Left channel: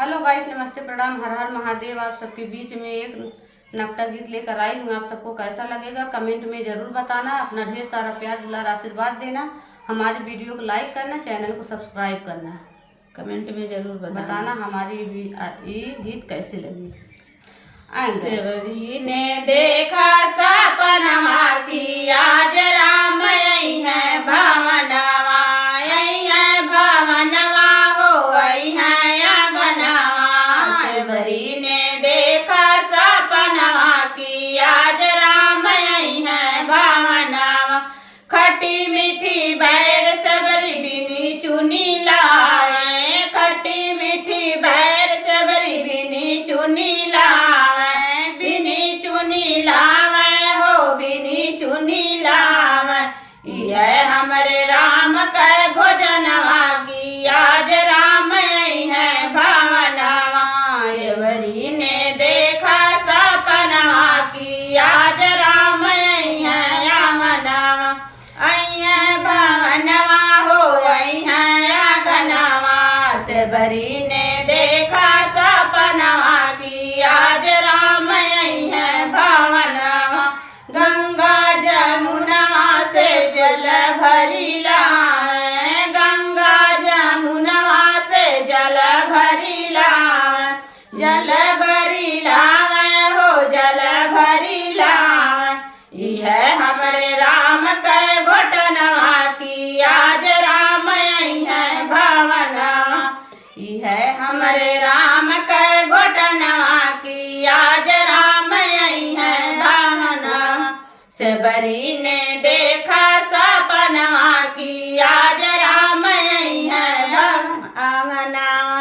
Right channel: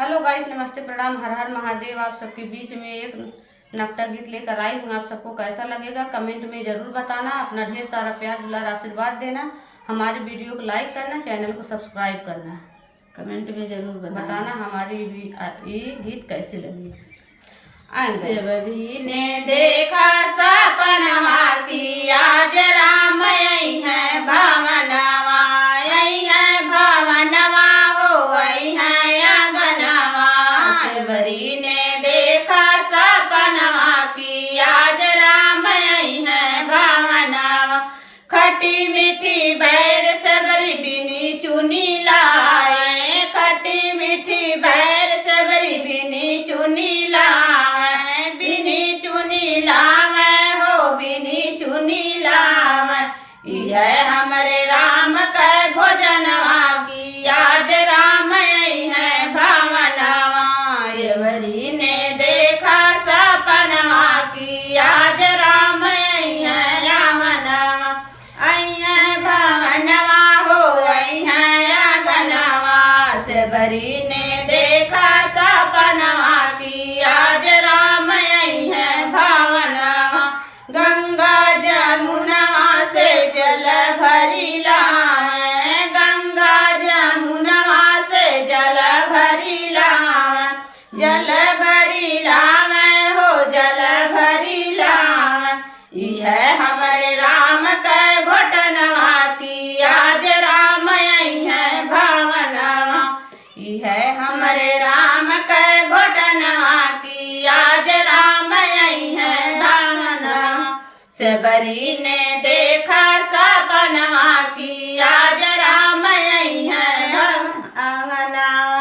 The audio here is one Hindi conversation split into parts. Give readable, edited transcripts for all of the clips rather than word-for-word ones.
हेलो गाइस, नमस्ते, प्रणाम, हर हर महादेव। आप सबके बीच में एक नकटा गीत लेकर आई हूँ। आप सबको कैसा लगेगा कमेंट में ज़रूर बताना। अपना ढेर सारा प्यार दुलार आशीर्वाद देना। हमारी वीडियो को लाइक करना, चैनल को सब्सक्राइब करना, कमेंट में जरूर बताना हमारी ये गीत कैसे लगी। सेवरी ने देखा सपनमा की आज राम आई है भवनवा, आई है भवनवा हो, आई है आंगनवा। सेवरी ने देखा सपनमा की आज राम आई है भवनवा, खट्टी मीठी बैर सबरी बिनी चुनी लाए, खट्टी मीठी बैर सबरी बिनी चुनी लावे, बिनी चुनी लावे हो, बिनी चुनी लावे। यह हमरे राम के भोजनवा की आज राम आई है भवनवा। सेवरी ने देखा सपनवा की आज राम आई है आंगनवा, आई है भवनवा हो, आई है आंगनवा। सेवरी ने देखा सपनवा की आज राम आई है भवनवा, गंगा जमुनवा से जल भरी लावे, गंगा जमुनवा से जल भरी लावे, जल भरी लावे हो, जल भरी लावे। यह हमारे राम के घोटनवा की आज राम आई है भवनवा, यह हमारे राम के घोटनवा की आज राम आई है भवनवा। सेवरी ने देखा सपनवा की आज राम आई है आंगनवा,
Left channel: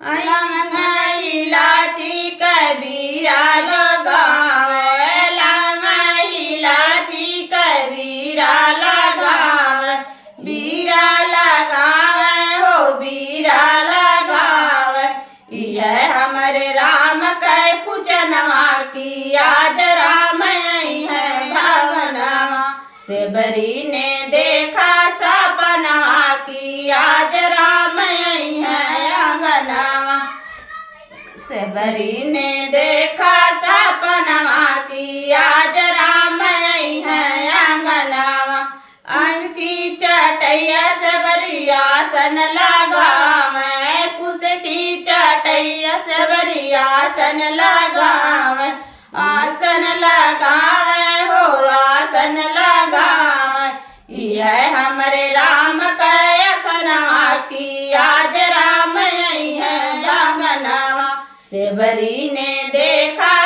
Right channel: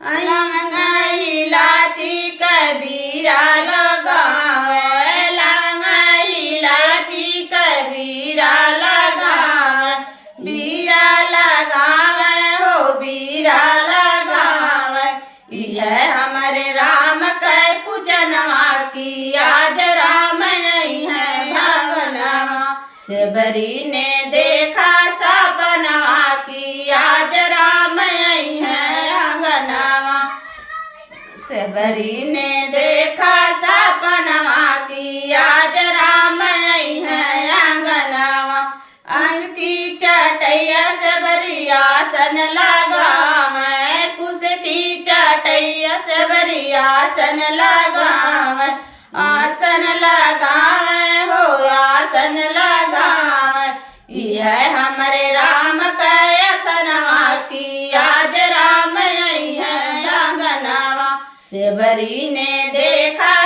लवंगा इलाची कबीरा लगावे, लवंगा इलाची कबीरा लगावे, बीरा लगावे हो, बीरा लगावे। यह हमारे राम के पूजनवा की आज राम आई है भवनवा। सेवरी ने देखा सपनवा की आज राम आई है आंगनवा, सेवरी ने देखा सपनवा की आज राम आई है आंगनवा। अंकी चटैया सेवरी आसन लगावे, कुसटी चटैया सेवरी आसन लगावे, आसन लगावे हो, आसन लगावे। यह हमारे राम के असनवा की आज राम आई है आंगनवा। सेवरी ने देखा